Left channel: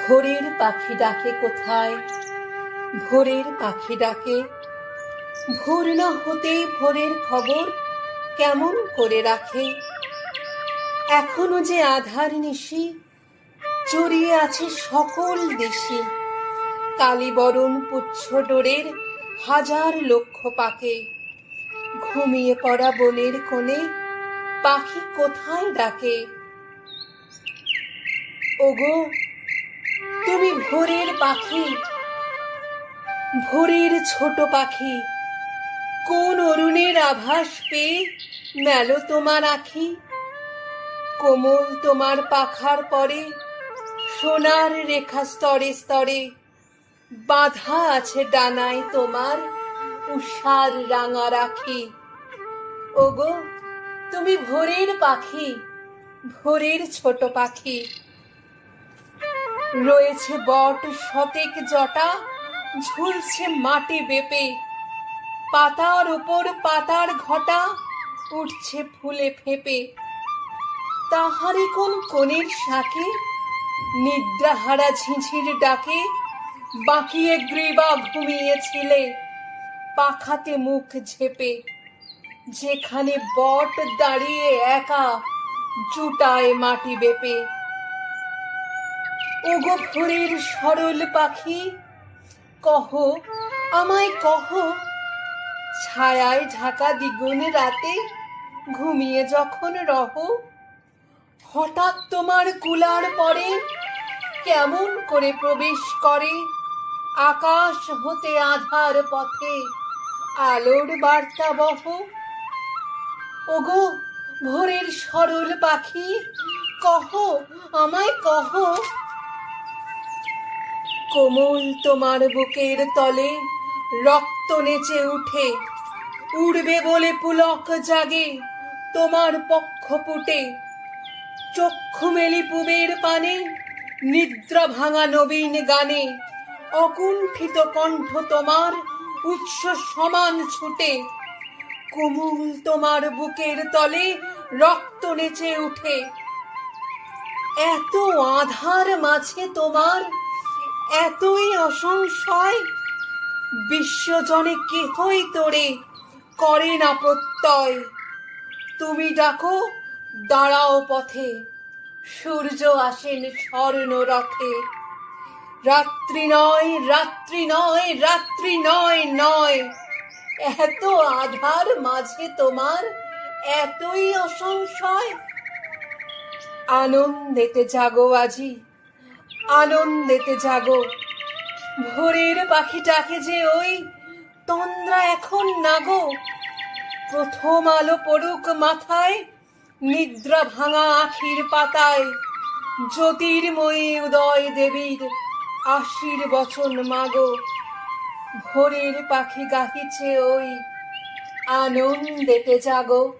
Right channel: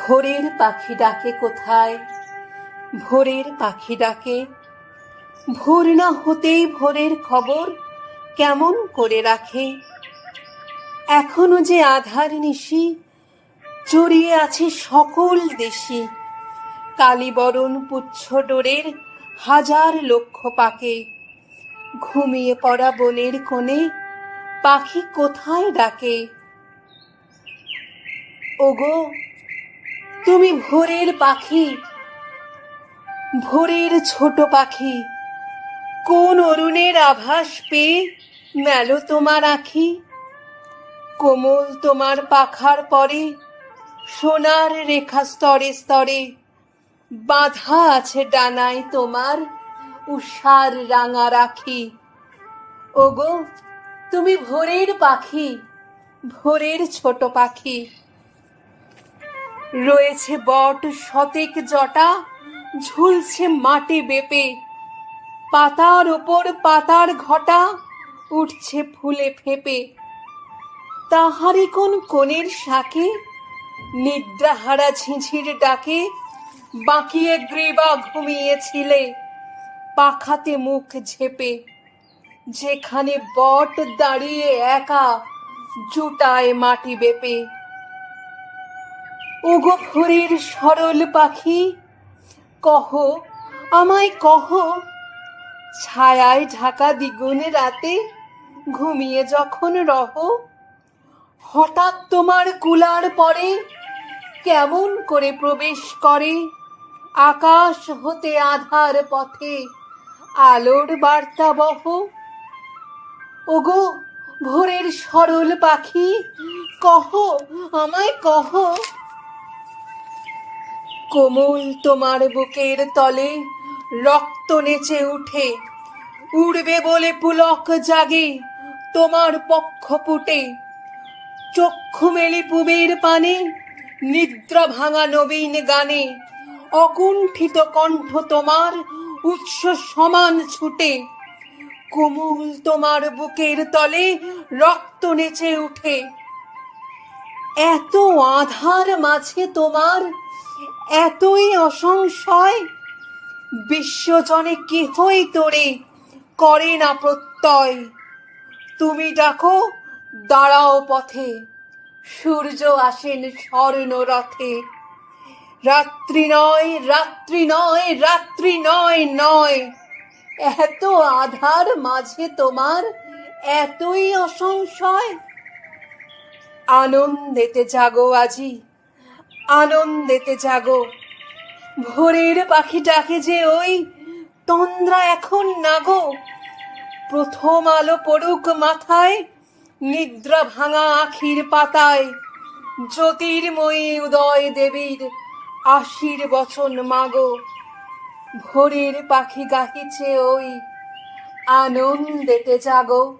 ভোরের পাখি ডাকে কোথায়? ভোরের পাখি ডাকে, ভোর না হতেই ভোরের খবর কেমন করে রাখে? এখনও যে আধার নিশি জড়িয়ে আছে সকল দেশি। কালীবরণ পুচ্ছ ডোরের হাজার লক্ষ পাকে। ঘুমিয়ে পড়া বনের কোণে পাখি কোথায় ডাকে? ওগো তুমি ভোরের পাখি, ভোরের ছোট পাখি। কোন অরুণের আভাস পেয়ে মেলো তোমার আখি? কোমল তোমার পাখার পরে, সোনার রেখা স্তরে স্তরে, বাঁধা আছে ডানায় তোমার উষার রাঙা রাখি। ওগো, তুমি ভোরের পাখি, ভোরের ছোট পাখি। রয়েছে বট শতেক জটা, ঝুলছে মাটি বেপে। পাতার ওপর পাতার ঘটা উঠছে ফুলে ফেপে। তাহারি কোন কোণের শাকে নিদ্রাহারা ঝিঝির ডাকে বাঁকিয়ে গ্রীবা ঘুমিয়েছিলে পাখাতে মুখ ঝেপে। যেখানে বট দাঁড়িয়ে একা জুটায় মাটি বেপে। ওগো ভোরের সরল পাখি, কহ, আমায় কহ, ছায়ায় ঢাকা দ্বিগুণ রাতে ঘুমিয়ে যখন রহ, হঠাৎ তোমার কুলার পরে কেমন করে প্রবেশ করে? আকাশ হতে আধার পথে আলোর বার্তা বহ ওগো ভোরের সরল পাখি, কহ, আমায় কহ কোমল তোমার বুকের তলে রক্ত নেচে উঠে। উড়বে বলে পুলক জাগে তোমার পক্ষ পুটে চক্ষু মেলি পুবের পানে, নিদ্রা ভাঙা নবীন গানে। অকুণ্ঠিত কণ্ঠ তোমার উৎস সমান ছুটে। কোমল তোমার বুকের তলে রক্ত নেচে উঠে। এত আধার মাঝে তোমার এতই অসংশয়? বিশ্বজনে কেহই তোরে করে না প্রত্যয়? তুমি ডাকো, দাঁড়াও পথে। সূর্য আসেন স্বর্ণ রথে। রাত্রি নয় রাত্রি নয় রাত্রি নয় নয়। এত আধার মাঝে তোমার এতই অসংশয়? আনন্দেতে জাগো আজি। আনন্দেতে জাগো। ভোরের পাখি ডাকে যে ওই তন্দ্রা এখন নাগো। প্রথম আলো পড়ুক মাথায়, নিদ্রা ভাঙা আখির পাতায়। জ্যোতির্ময়ী উদয় দেবীর আশির বচন মাগো। ভোরের পাখি গাহিছে ওই আনন্দেতে জাগো।